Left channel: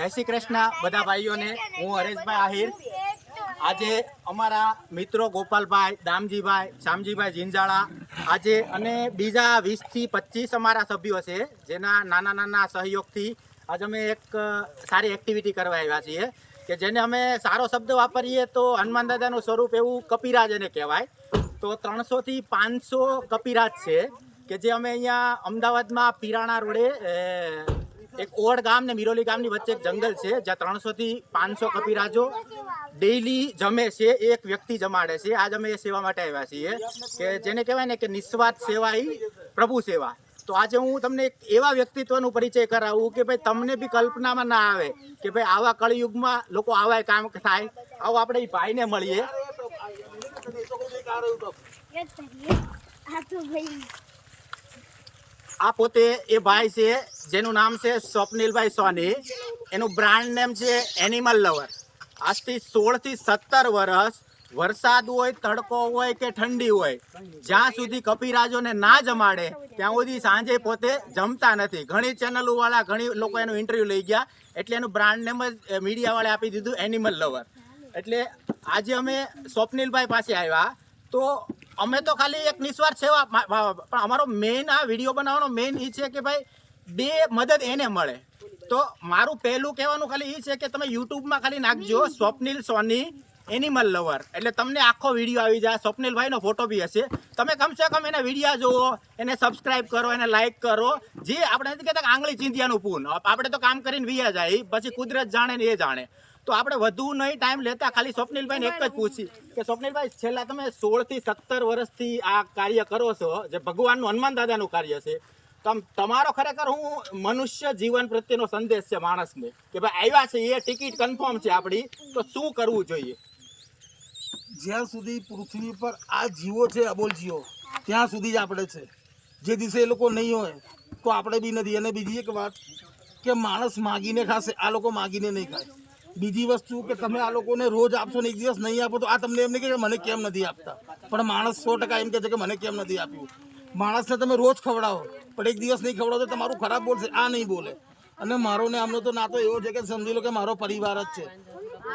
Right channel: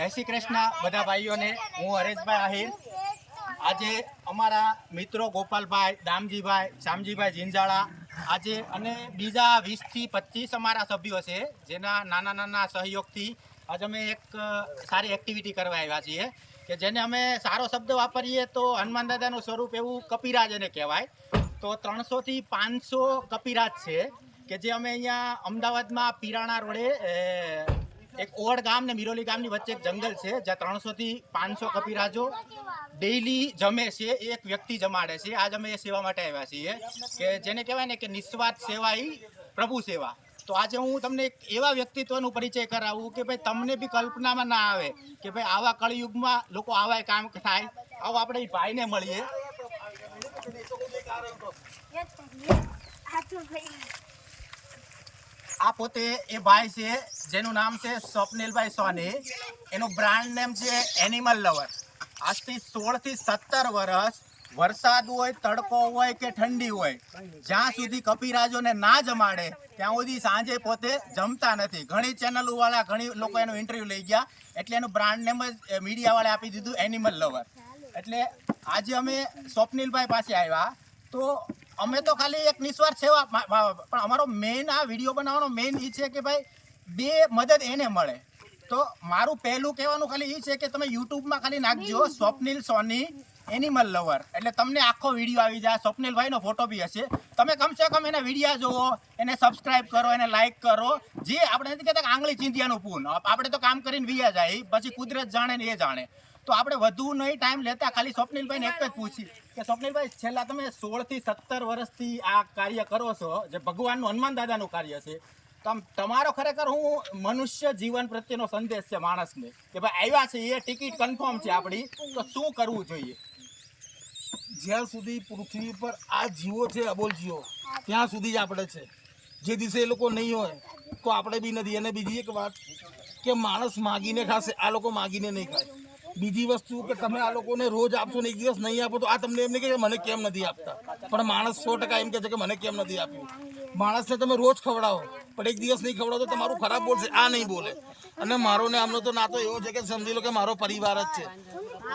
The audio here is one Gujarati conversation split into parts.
જય શ્રી કૃષ્ણ બધા ભાઈઓને। હું હરેશભાઈ આહિર। આજે અમારા મિત્રો ગોપાલભાઈ, દામજીભાઈ, શામજીભાઈ જીંજાળા આજે અને બીજા 20 થી 25 અમારા સભ્યો છે, જેના નાના નાના સહયોગથી આજે અમે એક સારી એક્ટિવિટી કરવા આવ્યા છીએ કે જેને અમે સારો શબ્દ વાપરીએ તો હનુમાન દાદાનું સ્વરૂપ એવું કપિરાજ એને કહેવાય। તો 300 થી 500 કપિરાજ છે કે જે અમે અહીંયા અમદાવાદમાં પીરાણા રોડે એક ઓડ ગામ ને મિરોલી ગામની વચ્ચે એક જંગલ છે જ્યાં 300 થી 500 કપિરાજો ડેઈલી જમે છે, એક વ્યક્તિ જમાડે છે। આજ અમે એ સેવા માટે આવ્યા છીએ કે જેને કહેવાય ને કે નિસ્વાર્થ સેવા ઈ પ્રભુ સેવા। તો આજે હું તમને એક એવા વ્યક્તિત્વનું પરિચય કરાવું કે ભાઈ તમને બી કલ્પનામાં ના આવે કે ભાઈ આવા કળયુગમાં લોકો આવા કામ થાય। આવો આપણે એ ભાઈને મળીએ। આ પોતે એ ભાઈ છે જેનું નામ છે સ્વપ્નિલભાઈ સોની। એનું બ્રાન્ડ નેમ છે એનિમલ લવર। આજથી 16 થી 17 વર્ષ વરસાદ હોય, તડકો હોય કે ઠંડી હોય, જ્યાં સુધી કપિરાજોને ના જમાડે ત્યાં સુધી સાંજે પોતે જમતા નથી। ઘણી ચેનલો વાળા ઘણી લોકો એનું ઇન્ટરવ્યુ લઈ ગયા, એટલે એનું બ્રાન્ડ નેમ જ મીડિયા વાળા આપી દીધું એનિમલ લવર। એટલે આજે અમે સ્વપ્નિલભાઈ પાસે આવ્યા તો અમે તો ખાલી એક નિસ્વાર્થ સેવા, પણ અમારો મેઇન આ વિડીયો બનાવવાનો મેઇન એ છે કે ભાઈ બે મદદ એને મળે। તો મારું પહેલું કહેવાનું ખાલી એ છે કે તમે યુટ્યુબમાં ખાલી નાખજો સ્વપ્નિલ સોની એનિમલ લવર, એટલે તમને આખો વિડીયો આવી જાય। સ્વપ્નિલભાઈનો ફોટો બી હશે। તમે કમસે કમ એના વિડીયા જુઓ, એને સબસ્ક્રાઈબ કરો, એને લાઈક કરો। જે આપણે નથી કહેતા આંગળી ચીંધ્યાનું પૂન, આપણે તો કામ કરીને વિયા જાય, પછી કુદરત જાણે ને એ જાણે। તો આપણે વધુ નહીં ટાઈમ લેતા ખાલી સ્વપ્નિલભાઈને એક જ પૂછી કે સ્વપ્નિલભાઈ છેલ્લા તમે 16 થી 17 વર્ષથી આ કાર્ય કરો છો, જે ભગવાનનું હનુમાન દાદાનું કાર્ય છે, તમારો ખરેખર હું મનુષ્ય જીવન પ્રત્યેનો સંદેશ છે માણસને કે ભાઈ આવ્યા છે એ ટિકિટ કન્ફર્મ છે આપણી, તો શું કરવું જોઈએ? જ્યાં સુધી પૃથ્વી પર આ જીવો છે, અબોલ જીવો, ત્યાં સુધી જ આપણે છે। જે દિવસે એ લોકો નહીં હોય તો આપણે બી નથી। અને બીજી એક વાત કે માણસ માગીને ખાશે, આ લોકો માગીને નહીં ખાય। બીજી વસ્તુ કે તમે આ લોકોને રોજ આપશો ને એક દિવસ નહીં આપો તો આ તમને એમ નહીં કે મને કેમ નથી આપતા, પણ માણસ 100% એમ કહે છે કે મને કેમ નથી આપ્યું। માણસને તમે રોજ ખવડાવો પણ એક દિવસ નહીં ખવડાવો તો તમારું ખરાબ બોલશે, આ નહીં બોલે। અને મારો ને આમનો તો નાતો એવો છે કે સમજી લો કે મારો પરિવાર જ છે।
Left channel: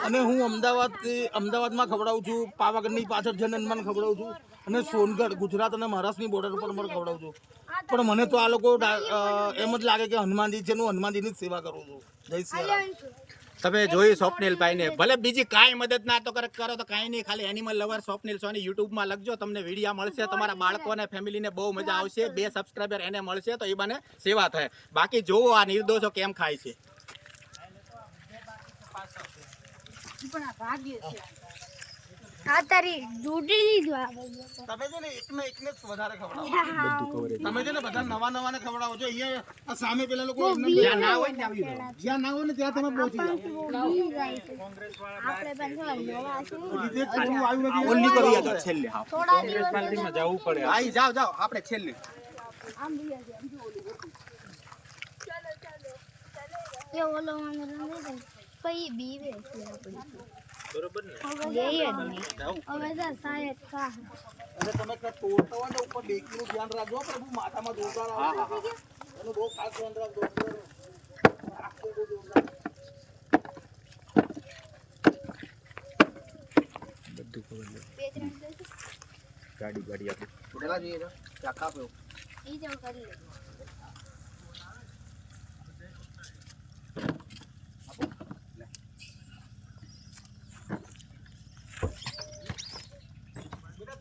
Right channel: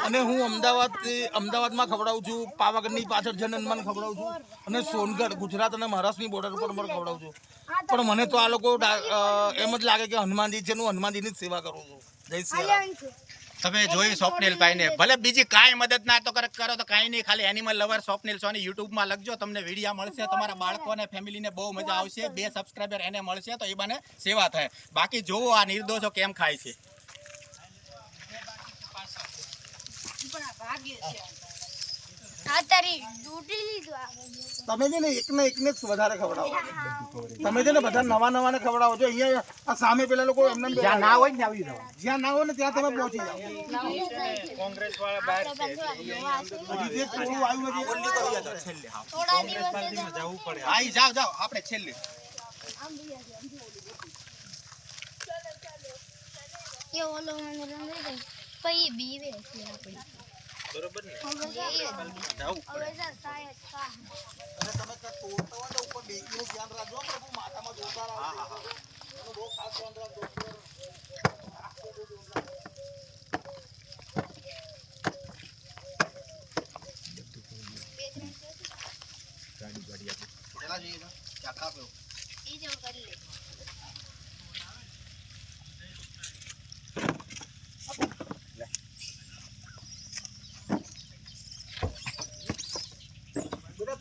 અને હું અમદાવાદમાં ખવડાવું છું, પાવાગઢની પાછળ જન હનુમાન ખવડાવું છું, અને સોનગઢ ગુજરાત અને મહારાષ્ટ્રની બોર્ડર ઉપર પણ ખવડાવું છું। પણ મને તો આ લોકો એમ જ લાગે કે હનુમાનજી છે, હું હનુમાનજીની જ સેવા કરું છું। જય શ્રી રામ। તમે જોઈ સ્વપ્નિલભાઈને, ભલે બીજી કાંઈ મદદ ના તો કરો તો કાંઈ નહીં, ખાલી એનિમલ લવર સ્વપ્નિલ સોની યુટ્યુબમાં લખજો, તમને વિડીયા મળશે। તમારા બાળકો અને ફેમિલીને બહુ મજા આવશે। 2 સબસ્ક્રાઈબર એને મળશે તો એ બને સેવા થાય। બાકી જોવો આ નિર્દોષો કેમ ખાય છે। તમે છે ને એકને જ વધારે ખવડાવો। તમે છે ને બધા નવા ને ખવડાવો છો। અહીંયા આ સામે પેલા લોકો જ્યાં ના હોય ને આવી જાવ, જ્યાં ના હોય ને ત્યાં તમે પહોંચી જાઓ। ઓનલી કરીએ તો છેલ્લે જવું પડે। હા જાઓ આપણે છેલ્લે બરોબર ને? તમે તોડતા હોય ને ઉપર બેકીનું ધ્યાન રાખજો પ્રભુ, માથામાં જોતા રાખજો, બહુ ખાસ ધ્યાન રાખજો। ગાડી આપી કેટલા જોઈએ તો ચાકા પે ઈ જો કરી લે।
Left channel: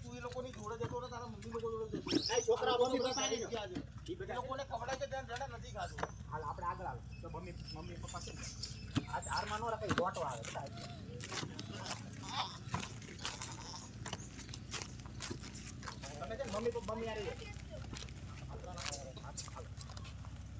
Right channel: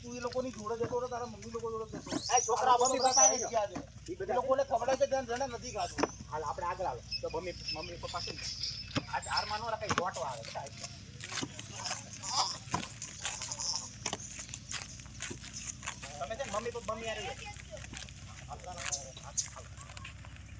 તું એ લોકોની જોડે જતો રહે, તારા મમ્મી લોકો જોડે જતો એ છોકરા મમ્મી પપ્પા ને એ બધા લોકોને ખવડાવે છે ત્યાં જણે નથી ખાતું। હાલ આપણે આગળ આવે તો મમ્મી પપ્પા છે ને આજ હારમાં નો રાખે, ગોટવા આવે બધા એટલે તમે છે ને મમ્મી યાર